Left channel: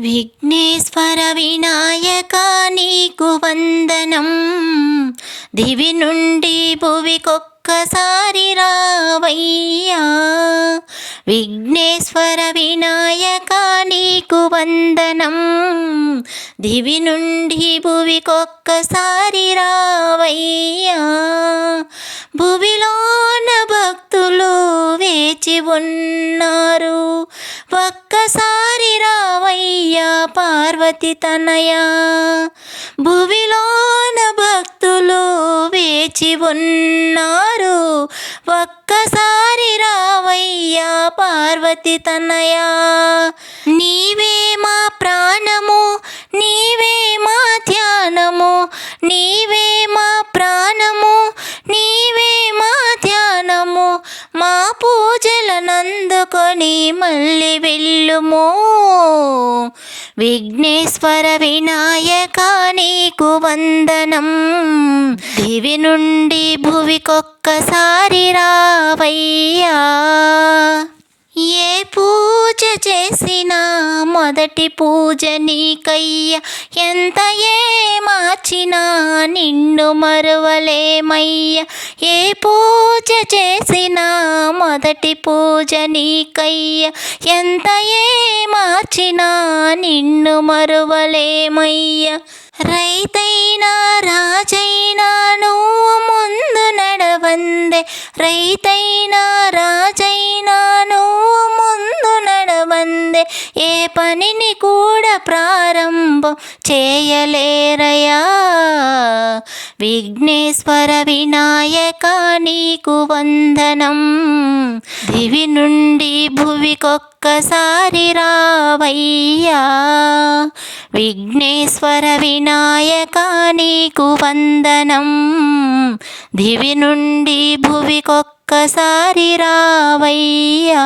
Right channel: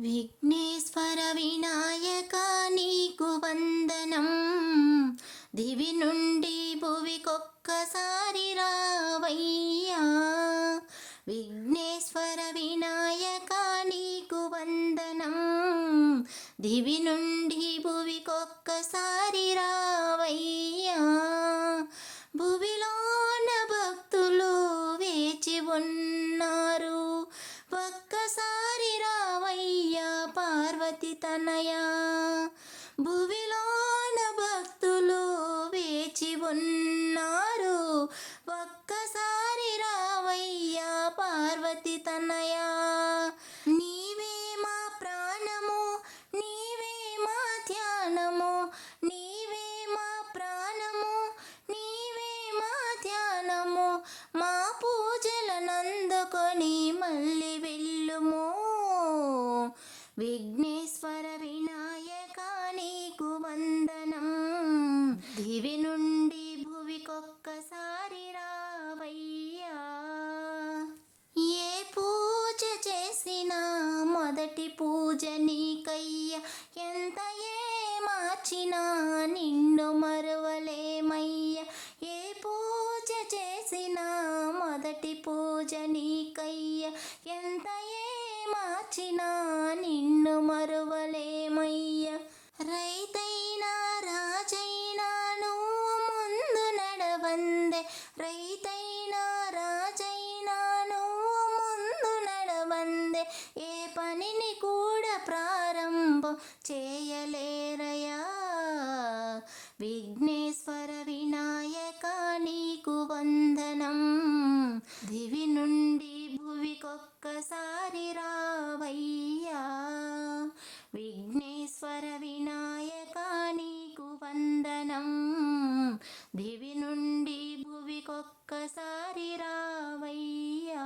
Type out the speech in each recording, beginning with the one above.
విఘ్నేశ్వర వినాయక నీకు వందనం. దివి నుండి భువికొక్కసారి రావయ్యా. విఘ్నేశ్వర వినాయక నీకు వందనం. దివి నుండి భువికొక్కసారి రావయ్యా. భువిలోన భక్తులు వేచి ఉన్నారు, ఒక్కసారి రావయ్యా పార్వతి తనయా. భువిలోన భక్తులు వేచి ఉన్నారు, ఒక్కసారి రావయ్యా పార్వతి తనయా. నీవే మా ప్రాణము, నీవే మా ధ్యానము, నీవే మా ప్రాణము, నీవే మా ధ్యానము. మా పూజలనందుకొని మళ్ళీ వెళ్ళుము. విఘ్నేశ్వర వినాయక నీకు వందనం. దివి నుండి భువికొక్కసారి రావయ్యా. ఏ పూజ చేసినా మొదటి పూజ నీకయ్యా. ఎంత ఏ మార్చినా నిన్ను మరువలేమయ్యా. ఏ పూజ చేసినా మొదటి పూజ నీకయ్యా. ఎంత ఏ మార్చినా నిన్ను మరువలేమయ్యా. రైతైనా రాజైనా నువ్వు ముందు నడవందే. రైతైనా రాజైనా నువ్వు ముందు నడవందే. ఏ పనిని కూడా ప్రారంభం చేయలేరయా. విఘ్నేశ్వర వినాయక నీకు వందనం. దివి నుండి భువికొక్కసారి రావయ్యా. విఘ్నేశ్వర వినాయక నీకు వందనం. దివి నుండి భువికొక్కసారి రావయ్యా.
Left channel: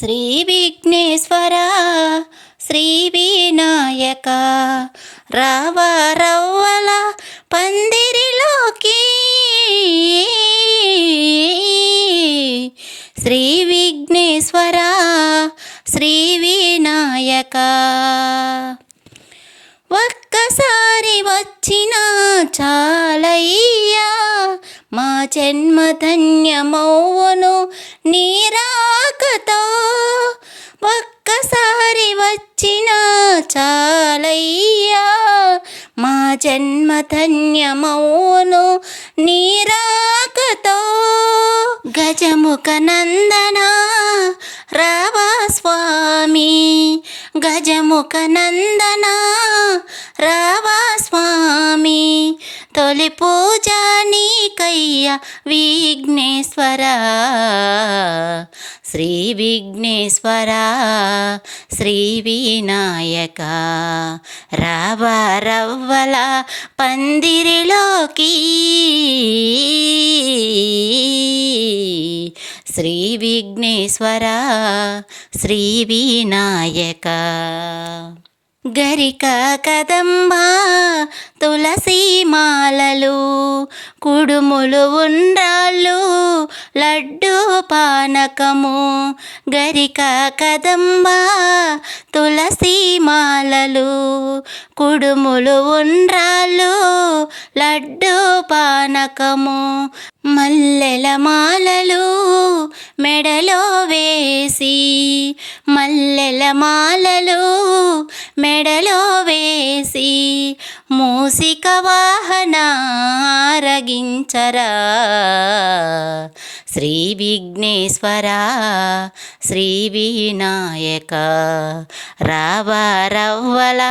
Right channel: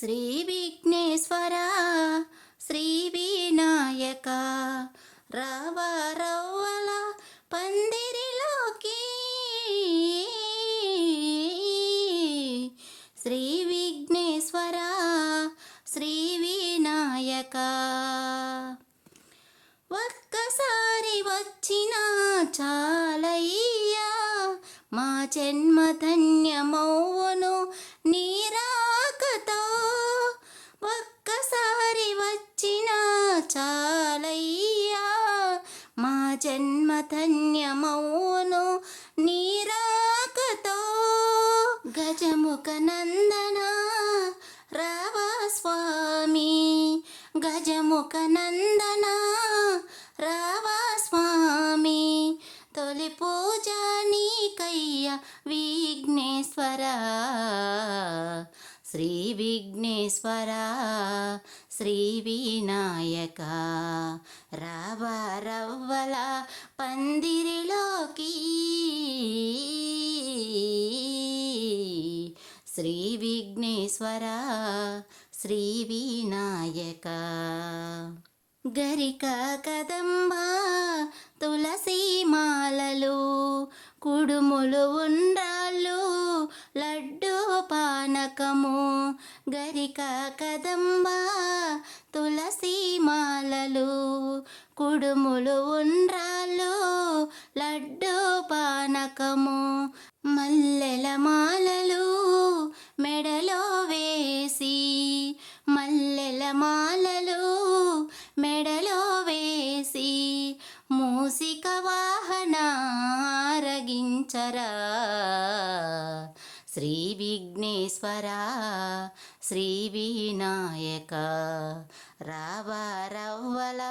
శ్రీ విఘ్నేశ్వర శ్రీ వినాయక రావ రవ్వల పందిరిలోకి. శ్రీ విఘ్నేశ్వర శ్రీ వినాయక ఒక్కసారి వచ్చినా చాలయ్యా. మా జన్మ ధన్యమౌను నీ రాకతో. ఒక్కసారి వచ్చినా చాలయ్యా. మా జన్మ ధన్యమౌను నీ రాకతో. గజముఖ నందన రావా స్వామి. గజముఖ నందన రావా స్వామి. తొలి పూజ నీకయ్యా విఘ్నేశ్వర. శ్రీ విఘ్నేశ్వర శ్రీ వినాయక రావ రవ్వల పందిరిలోకి. శ్రీ విఘ్నేశ్వర శ్రీ వినాయక గరిక కదంబ తులసి మాలలు, కుడుములు ఉండ్రాళ్ళు, లడ్డు పానకము. గరిక కదంబ తులసి మాలలు, కుడుములు ఉండ్రాళ్ళు, లడ్డు పానకము. మల్లెల మాలలు మెడలో వేసి, మల్లెల మాలలు మెడలో వేసి, మూసిక వాహన ఆరగించరా. శ్రీ విఘ్నేశ్వర శ్రీ వినాయక రావ రవ్వల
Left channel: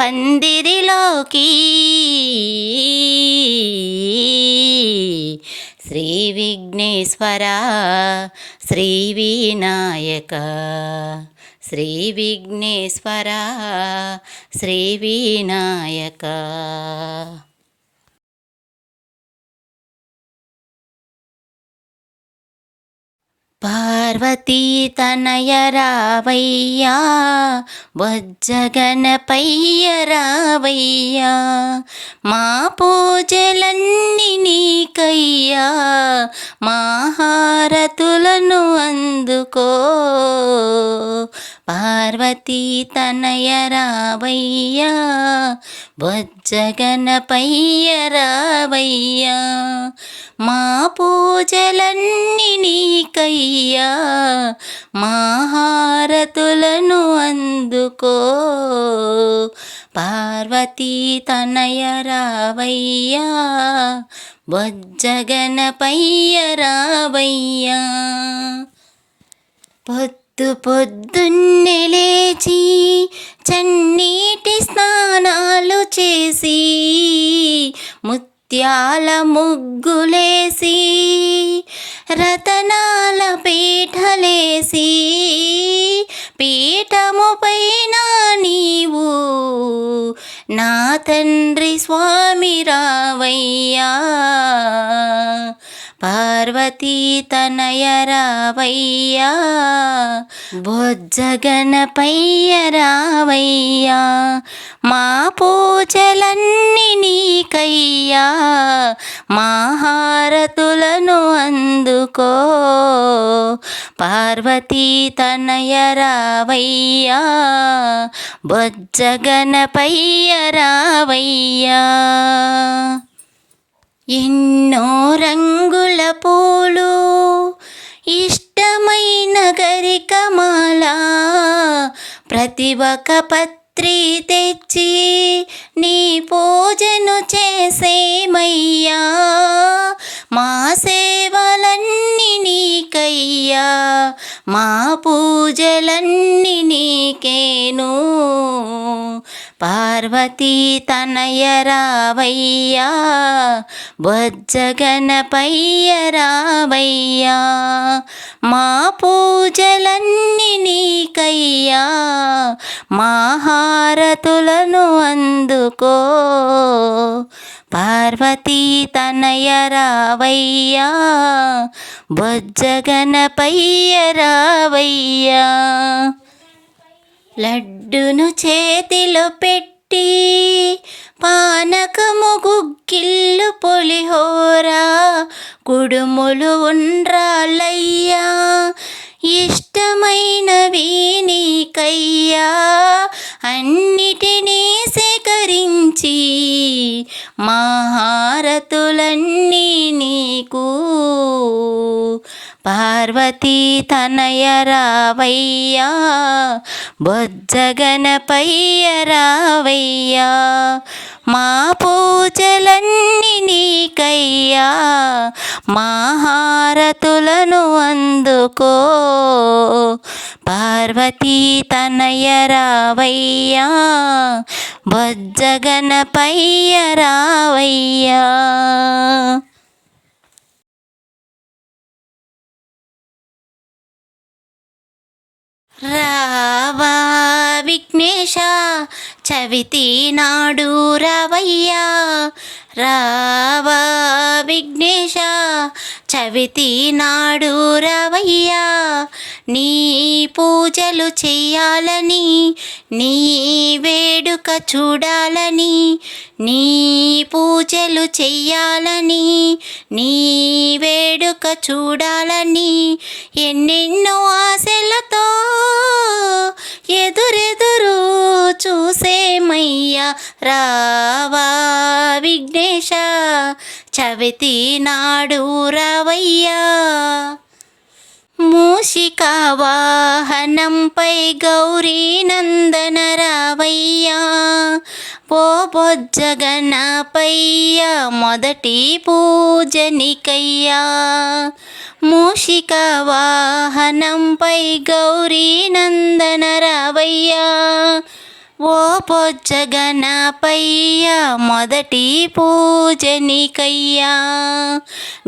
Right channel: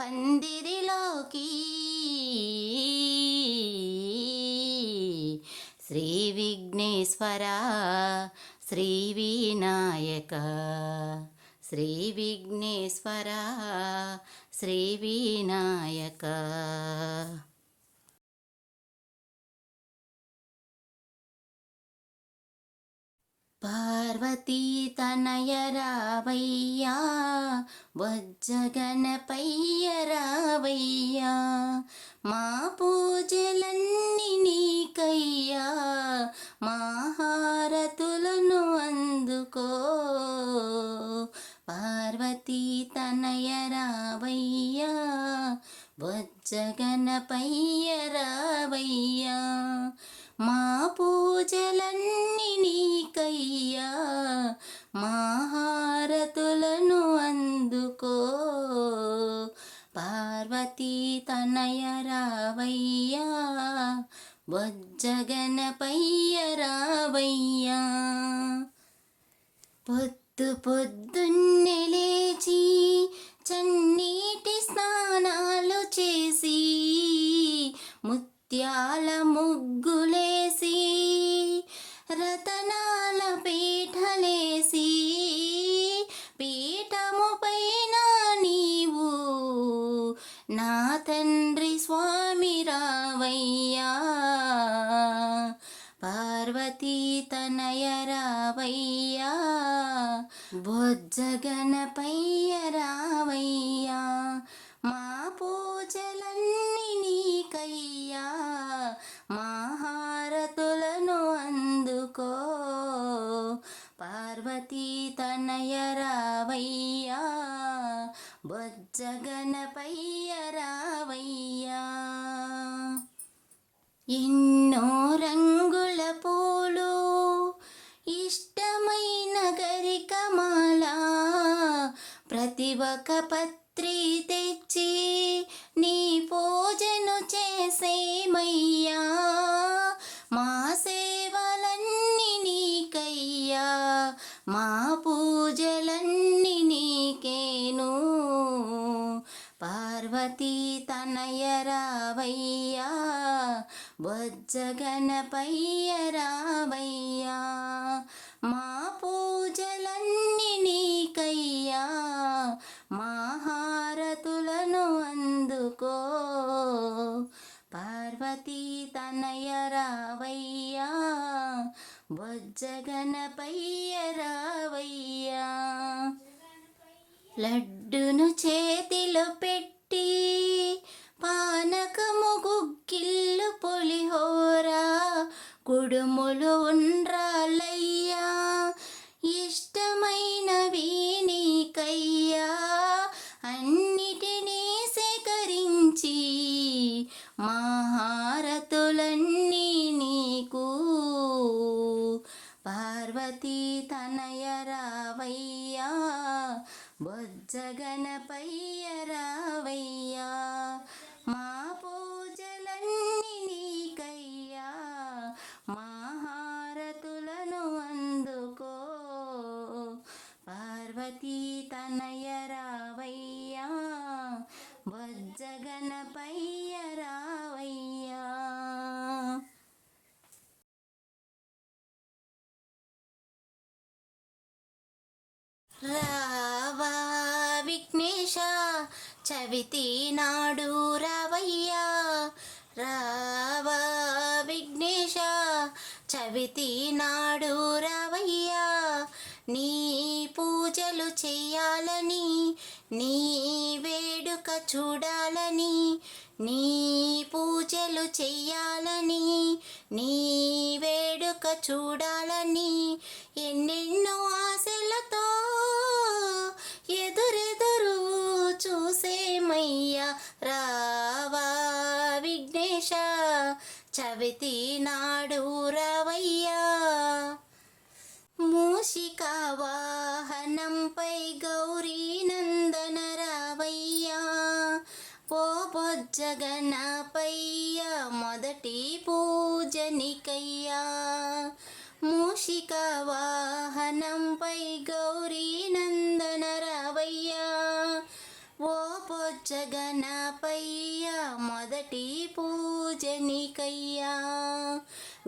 పందిరిలోకి. శ్రీ విఘ్నేశ్వర శ్రీ వినాయక శ్రీ విఘ్నేశ్వర శ్రీ వినాయక. పార్వతీ తనయ రావయ్యా, బొజ్జగనపయ్య రావయ్యా, మా పూజలన్నీ నీకయ్యా, మా హారతులను అందుకో. పార్వతీ తనయ రావయ్యా, బొజ్జగనపయ్య రావయ్యా, మా పూజలన్నీ నీకయ్యా, మా హారతులను అందుకో. పార్వతీ తనయ రావయ్యా, బొజ్జగనపయ్య రావయ్యా. పొద్దున్నే లేచి చన్నీటి స్నానాలు చేసి, ముత్యాల ముగ్గులేసి, రతనాల పీఠలేసి, పీఠముపైన నీవు నా తండ్రి స్వామి రావయ్యా. పార్వతీ తనయ రావయ్యా, బొజ్జగనపయ్య రావయ్యా, మా పూజలన్నీ నీకయ్యా, మా హారతులను అందుకో. పార్వతీ తనయ రావయ్యా, బొజ్జగనపయ్య రావయ్యా. ఎన్నో రంగుల పూలు, ఇష్టమైన గరికమాల, ప్రతి ఒక్క పత్రి తెచ్చి నీ పూజను చేసేమయ్యా. మా సేవలన్నీ నీకయ్యా, మా పూజలన్నీ నీకేను. పార్వతీ తనయ రావయ్యా, బొజ్జగనపయ్య రావయ్యా, మా పూజలన్నీ నీకయ్యా, మా హారతులను అందుకో. పార్వతీ తనయ రావయ్యా, బొజ్జగనపయ్య రావయ్యా. లడ్డును చేతిలో పెట్టి, పానకము గుగ్గిళ్ళు పులిహోరా, కుడుములు ఉండ్రాళ్ళయ్యా, ఇష్టమైనవి నీకయ్యా, అన్నిటినీ సేకరించి మా హారతులన్నీ నీకు. పార్వతీ తనయ రావయ్యా, బొజ్జగనపయ్య రావయ్యా, మా పూజలన్నీ నీకయ్యా, మా హారతులను అందుకో. పార్వతీ తనయ రావయ్యా, బొజ్జగనపయ్య రావయ్యా. రావా విఘ్నేశ, చవితి నాడు రావయ్యా, రావా విఘ్నేశ, చవితి నాడు రావయ్యా, నీ పూజలు చెయ్యాలని, నీ వేడుక చూడాలని, నీ పూజలు చెయ్యాలని, నీ వేడుక చూడాలని, ఎన్నెన్నో ఆశలతో ఎదురెదురు చూసేమయ్యా. రావా విఘ్నేశ, చవితి నాడు రావయ్యా. మూషిక వాహనంపై గౌరీ నందన రావయ్యా, ఓ బొజ్జగనపయ్య మొదటి పూజనికయ్యా. మూషిక వాహనంపై గౌరీ నందన రావయ్యా, ఓ బొజ్జగనపయ్య మొదటి పూజనికయ్యా.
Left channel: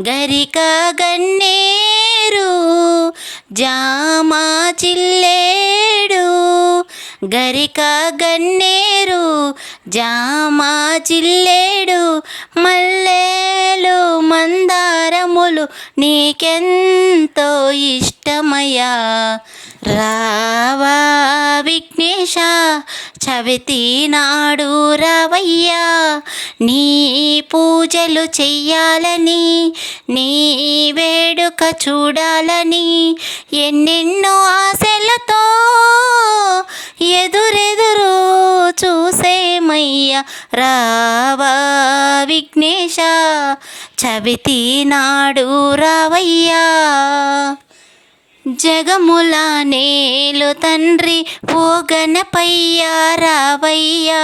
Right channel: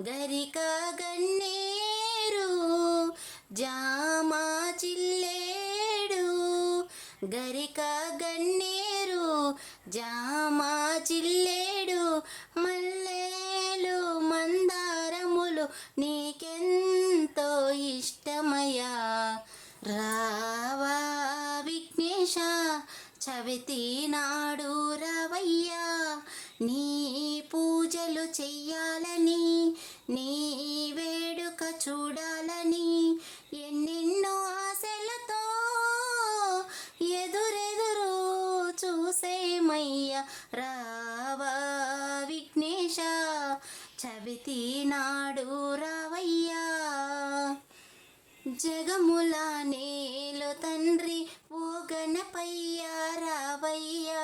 గరిక గన్నేరు జామా చిల్లేడు, గరిక గన్నేరు జామా చిల్లేడు, మల్లెలు మందారములు నీకెంతో ఇష్టం. చూసేమయ్యా రావా విఘ్నేశ చవితి నాడు రావయ్యా నీ పూజలు చెయ్యాలని నీ వేడుక చూడాలని ఎన్నెన్నో ఆశలతో ఎదురెదురు చూసేమయ్యా రావా విఘ్నేశ చవితి నాడు రావయ్యా జగముల నేలు తండ్రి ఓ గణపయ్యా రావయ్యా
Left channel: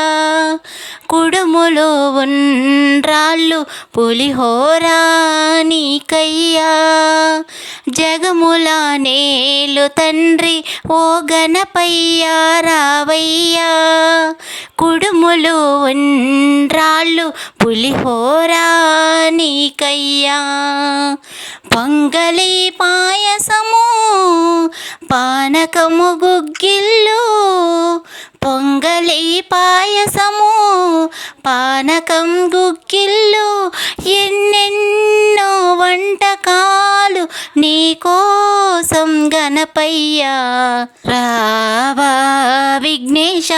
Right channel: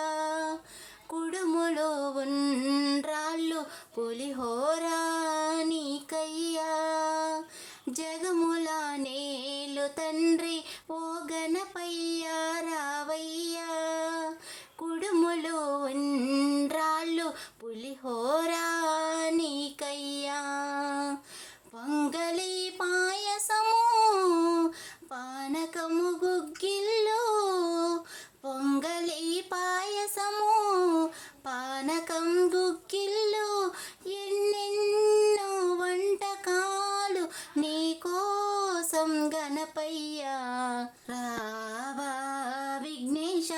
కుడుములు ఉండ్రాళ్ళు పులిహోరా నీకయ్యా జగముల నేలు తండ్రి ఓ గణపయ్యా రావయ్యా కుడుములు ఉండ్రాళ్ళు పులిహోరా నీకయ్యా పొంగలి పాయసము పానకము గుగ్గిళ్ళు పొంగలి పాయసము పానకం గుగ్గిళ్ళు ఎన్నెన్నో వంటకాలు నీకోసం గణపయ్యా రావా విఘ్నేశ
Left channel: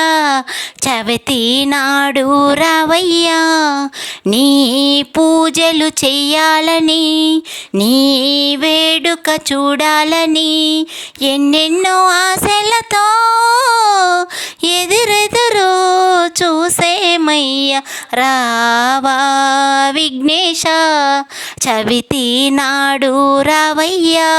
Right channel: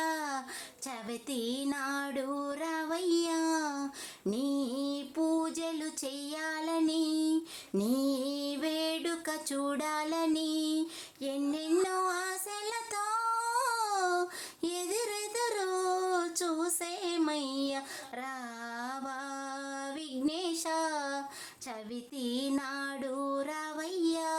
చవితి నాడు రావయ్యా నీ పూజలు చెయ్యాలని నీ వేడుక చూడాలని ఎన్నెన్నో ఆశలతో ఎదురెదురు చూసేమయ్యా రావా విఘ్నేశ చవితి నాడు రావయ్యా